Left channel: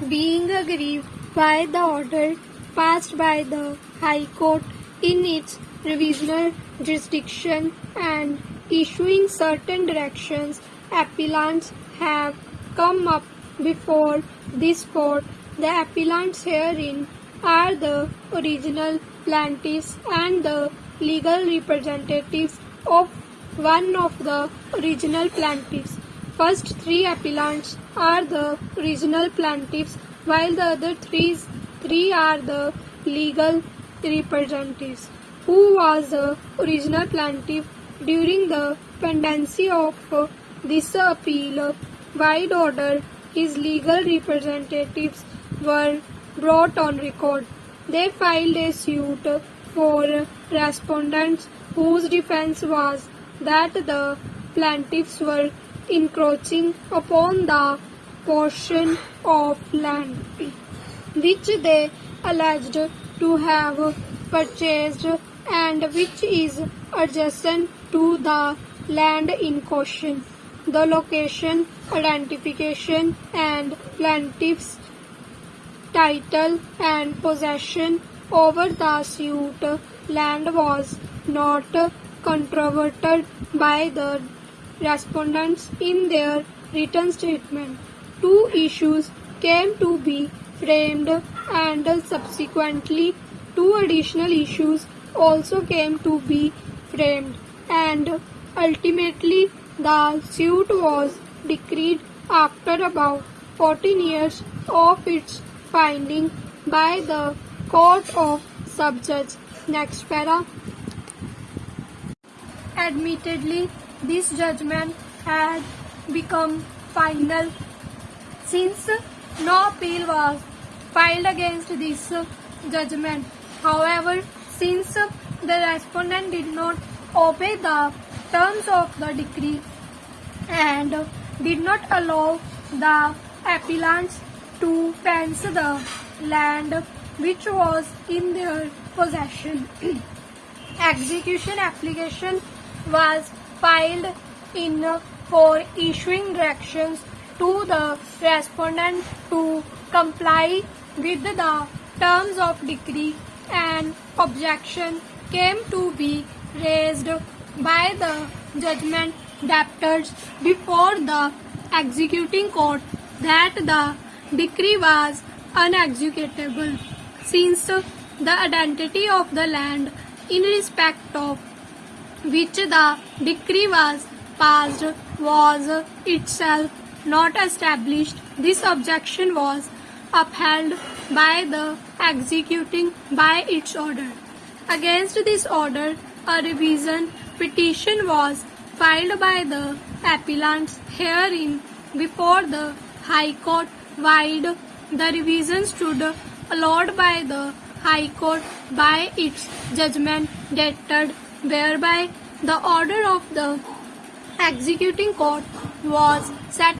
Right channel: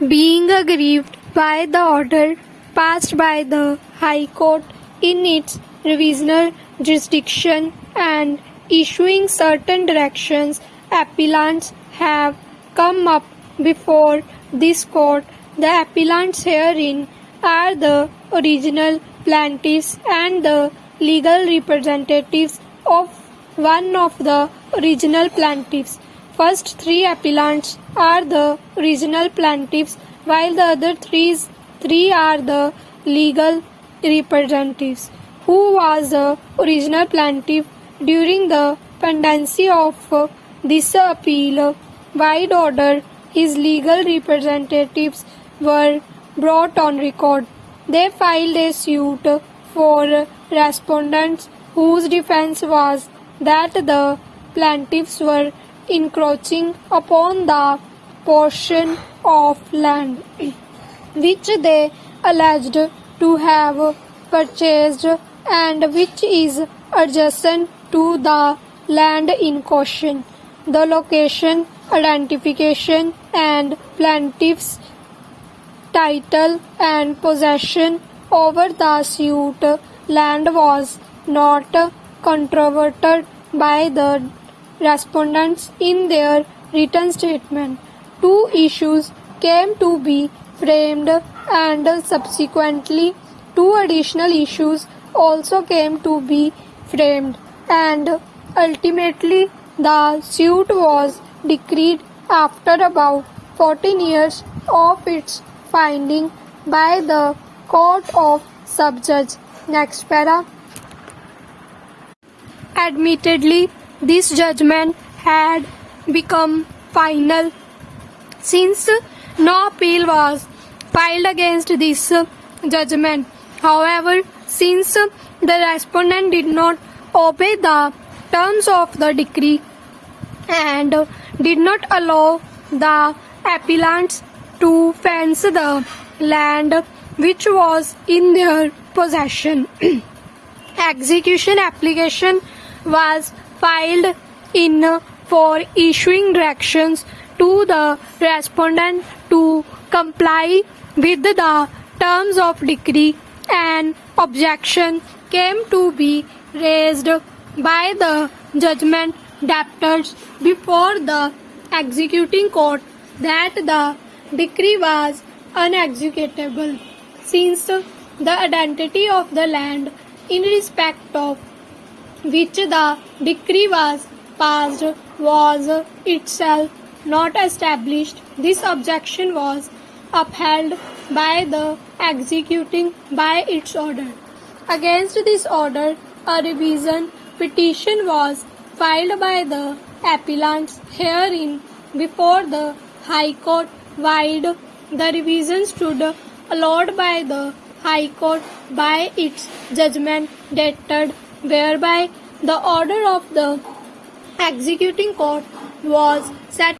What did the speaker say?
being aggrieved by the order passed by the High Court in its revisional jurisdiction and issuing certain directions, appellants have come up before this court. The appellants herein are the original plaintiffs and the legal representatives of one of the original plaintiffs. First three appellants are the original plaintiffs, while the other three are the legal representatives. Who was the original plaintiff during the pendency of this appeal? Wide order, his legal representatives were brought on record. They filed a suit for respondents whose defense was that the plaintiffs were encroaching upon the portion of land which they alleged to have purchased and which is adjacent to the land in question. The location, identification, and plaintiff's title and possession over the suit land was not controverted by the respondents in their written statement. Two issues came to be framed and subsequently two additional issues also came to be framed, and ultimately the suit was decreed after about 14 years of its finding by the Court of Subjudge. Next para. Admittedly, this judgment had become final since no appeal was filed against this judgment. However, since the respondent did not obey the terms of the decree and did not allow the appellants to fence the land which was in their possession, execution application was filed in for issuing directions to the respondent to comply with the terms of decree. An objection came to be raised by the judgment debtors before the executing court that the decree was unexecutable since the identity of the land in respect of which the decree was passed was itself not established. This objection was upheld by the executing by its order. Against this order, a revision petition was filed by the appellants herein before the High Court, while the revision stood allowed by the High Court by its judgment dated whereby the order of the executing court was set